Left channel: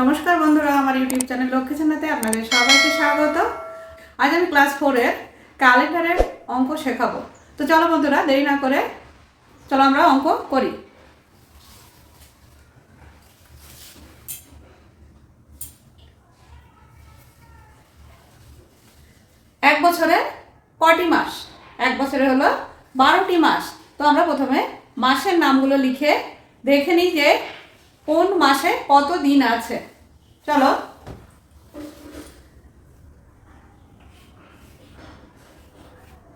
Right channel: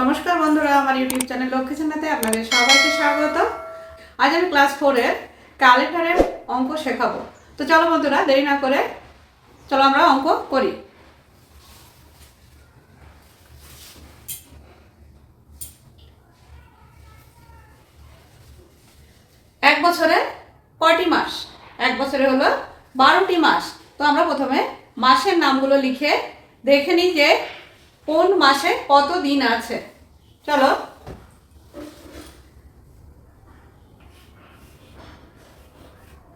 নমস্কার বন্ধুরা, আমার ইউটিউব চ্যানেল লক্ষ্মী চ্যানেলে আপনাদের সবাইকে স্বাগত। আজ আমি ক্লাস ফোরের ক্যালেন্ডারের অঙ্ক শেখাবো। তো চলো বন্ধুরা, দেরি না করে চলো আমরা অঙ্ক করি। এক বছরে কটি মাস? এক বছরে হলো বারোটি মাস। তো আমরা প্রথমে মাসের নামগুলো লিখে দেখে নিই যে কোন মাসে কত দিন আছে? চলো।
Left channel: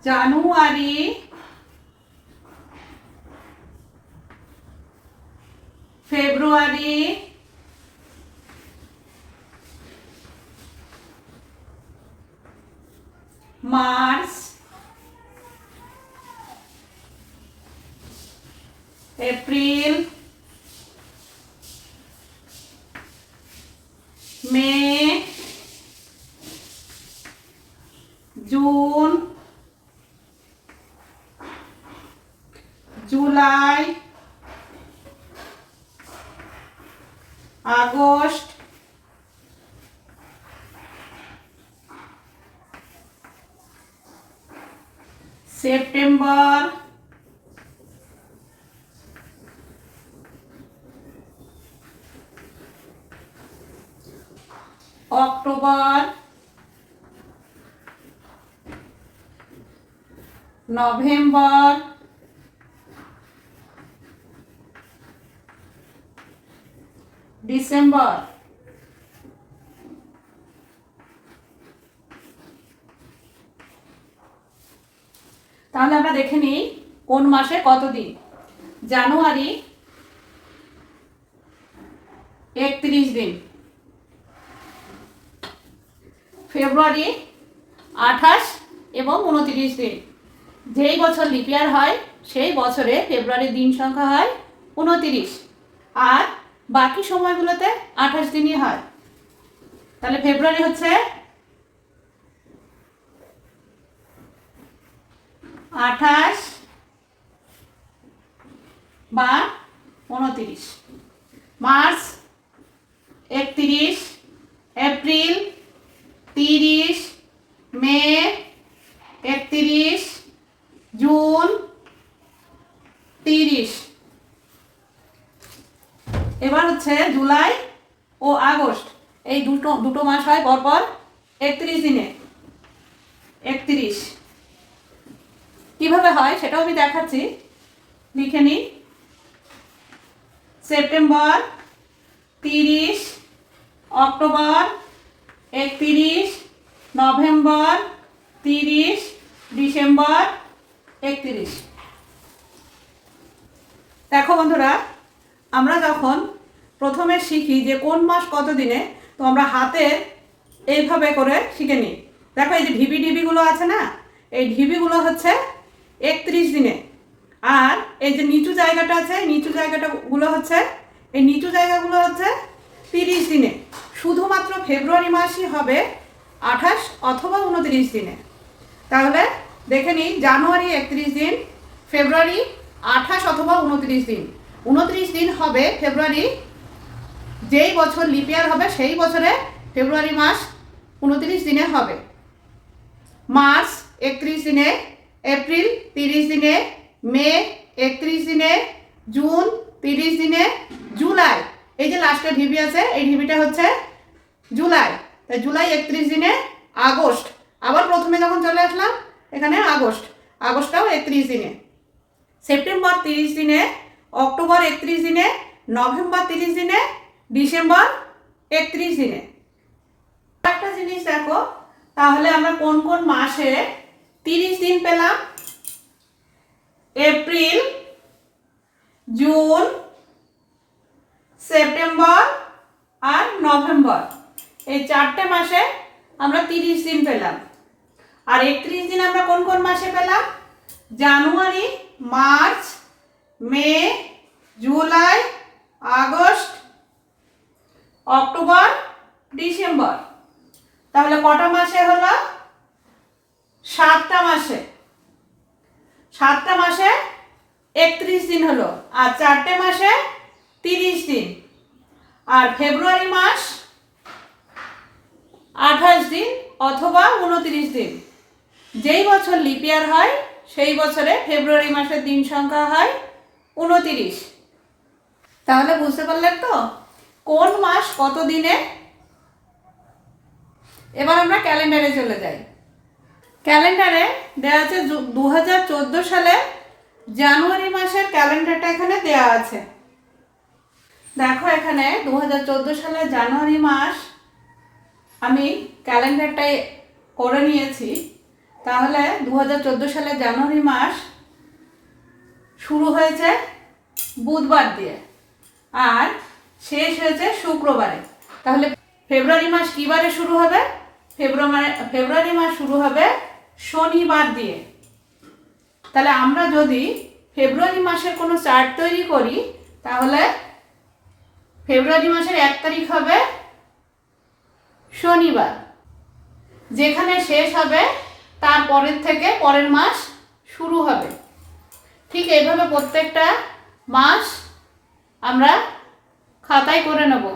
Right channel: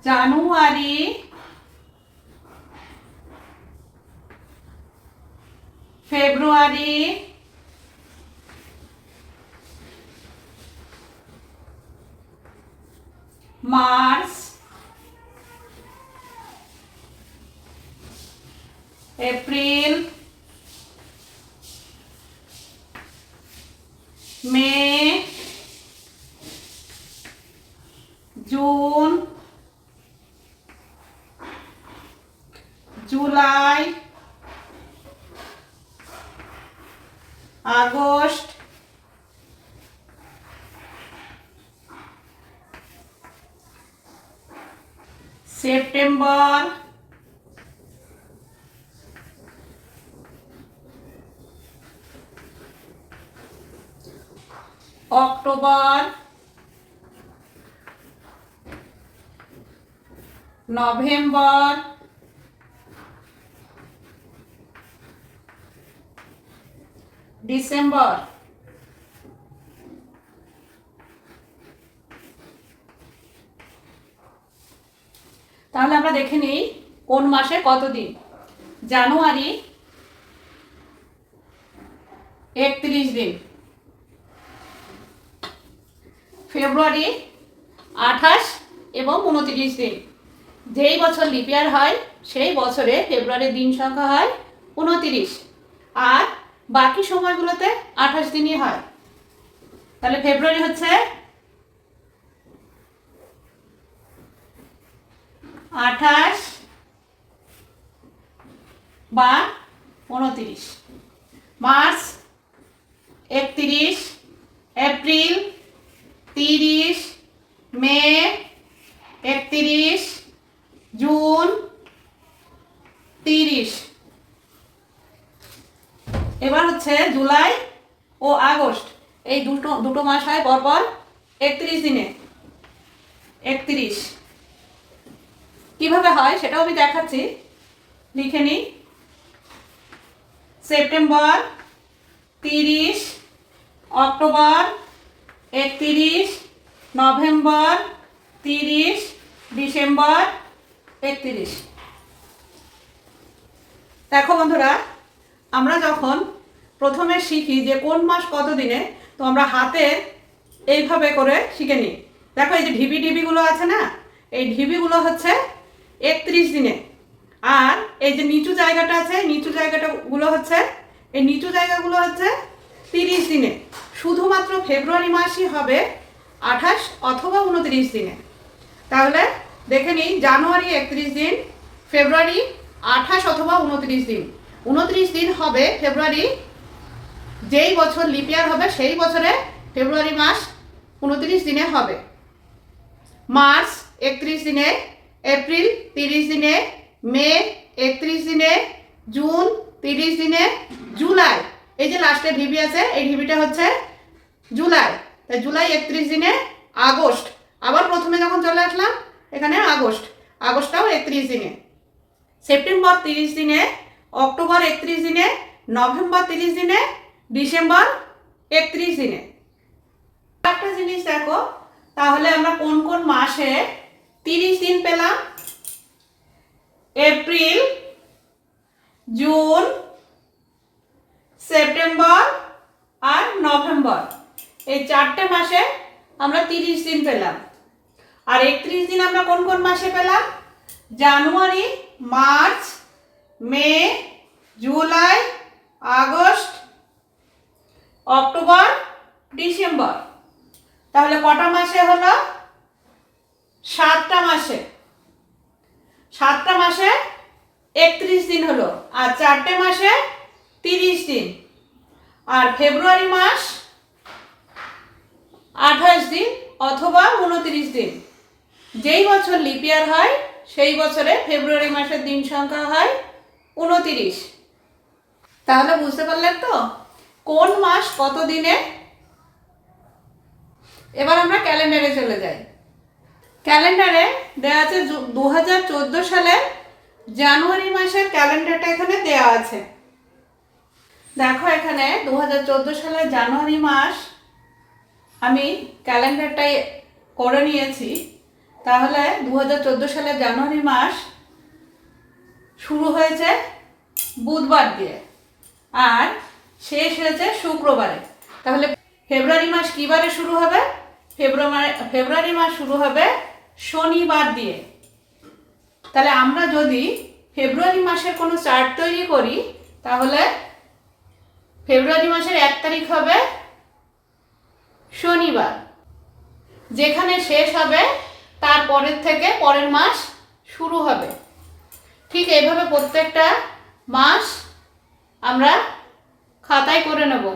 জানুয়ারি। ফেব্রুয়ারি। মার্চ এপ্রিল মে June July August September October November December তাহলে আমরা দেখে নিই কোন মাসে কত দিন জানুয়ারি একত্রিশ দিন। ফেব্রুয়ারি আঠাশ এবং উনত্রিশ দিন। যেই বছর লিপিয়ার হয়, সেই বছরে ফেব্রুয়ারির দিন সংখ্যা হয় উনত্রিশ। আর বাকি সময়গুলোতে আঠাশ দিনই হয়। তাহলে ফেব্রুয়ারি হচ্ছে আঠাশ বা উনত্রিশ। মার্চ একত্রিশ, এপ্রিল তিরিশ মে একত্রিশ জুন তিরিশ এবার হচ্ছে জুলাই ও আগস্ট। এই দুটো দুটো মাস হয় পরপর একত্রিশ দিনে। একত্রিশ। কীভাবে হয় সেটাও আমি দেখাচ্ছি। লিখে নিই। সেপ্টেম্বর তিরিশ, অক্টোবর একত্রিশ, নভেম্বর তিরিশ, ডিসেম্বর একত্রিশ। দেখো বন্ধুরা, আমরা যখন প্রথমে শিখি যে কোন মাস কত দিনে তো আমরা হাতে এইভাবে করে শিখে নিই। দেখো এই যে ঢিবি ঢিবিগুলো আছে না? এই ঢিবিগুলো হচ্ছে একত্রিশ দিনে। আর এই যে নিচু জায়গাটা আছে নিচু জায়গাটা গুলো হচ্ছে, এই নিচু জায়গাগুলো হচ্ছে তিরিশ দিনে। শুধুমাত্র ফেব্রুয়ারি মাসই হবে আঠাশ অথবা উনত্রিশ দিনে। তাহলে দেখে নিই, জানুয়ারি একত্রিশ দিন, ফেব্রুয়ারি আঠাশ অথবা উনত্রিশ দিন। উনত্রিশ দিন হবে ফেব্রুয়ারি যেই বছর লিপিয়ার হবে, সেই বছরে ফেব্রুয়ারি মাস উনত্রিশ দিনে হবে। মার্চ একত্রিশ দিনে এপ্রিল তিরিশ দিনে মে একত্রিশ দিনে জুন তিরিশ দিনে জুলাই এই যে লাস্টে ঢিবি আছে এই ঢিবিটা হচ্ছে জুলাই তাই জুলাই একত্রিশ দিনে আগস্ট আবার প্রথমে যখন চলে আসলাম, এখানে আগস্ট আগস্টটাও একত্রিশ দিনে। সেপ্টেম্বর তিরিশ দিনে অক্টোবর একত্রিশ দিনে নভেম্বর তিরিশ দিনে ডিসেম্বর একত্রিশ দিনে। একটা জিনিস দেখো, তাহলে আমরা কোন কোন মাসে তিরিশ দিন পেলাম? এপ্রিল, জুন, সেপ্টেম্বর আর নভেম্বর। এই চারটে মাসে আমরা তিরিশ দিন পেলাম। আর একত্রিশ দিন আমরা কোন কোন মাসে পেলাম? জানুয়ারি, মার্চ, মে জুলাই আগস্ট অক্টোবর, ডিসেম্বর। তাহলে কটা মাসে হলো? সাতটা মাসে। সাতটা মাসে একত্রিশ দিন হলো আর চারটে মাসে তিরিশ দিন। আর ফেব্রুয়ারি মাস আঠাশ দিন অথবা উনত্রিশ দিন। যেই বছর লিপিয়ার হয়, সেই বছরে ফেব্রুয়ারি মাসের দিন সংখ্যা হয় উনতিরিশ। তাহলে বুঝতে পারলেন তো? কোন মাস কত দিনে? এবার আমরা ক্যালেন্ডারে চলে যাই। ক্যালেন্ডারে দেওয়া আছে দু হাজার চোদ্দ সালের জানুয়ারি মাসের ক্যালেন্ডারটা এখানে দেওয়া আছে। দেখো এখানে দু হাজার চোদ্দ সালের জানুয়ারি মাস আমি ক্যালেন্ডারটাই করে নিয়েছি। তাহলে দু হাজার চোদ্দ সালের জানুয়ারি মাস শুরু হয়েছে বুধবার দিয়ে। আর শেষ হয়েছে শুক্রবারে। তাহলে ফেব্রুয়ারি মাস কী বারে শুরু হবে? ফেব্রুয়ারি ফেব্রুয়ারি মাস শুরু হবে শনিবার দিয়ে। তাহলে আমরা যদি ফেব্রুয়ারি মাসের কোনো চার্ট তৈরি করি, তাহলে ফেব্রুয়ারি মাসের এক তারিখ হবে শনিবার। যেখানে শেষ হবে, তার পরের থেকে পরের মাস শুরু হবে। ঠিক এইভাবে প্রত্যেকটা মাস আমরা খাতায় করে নেব।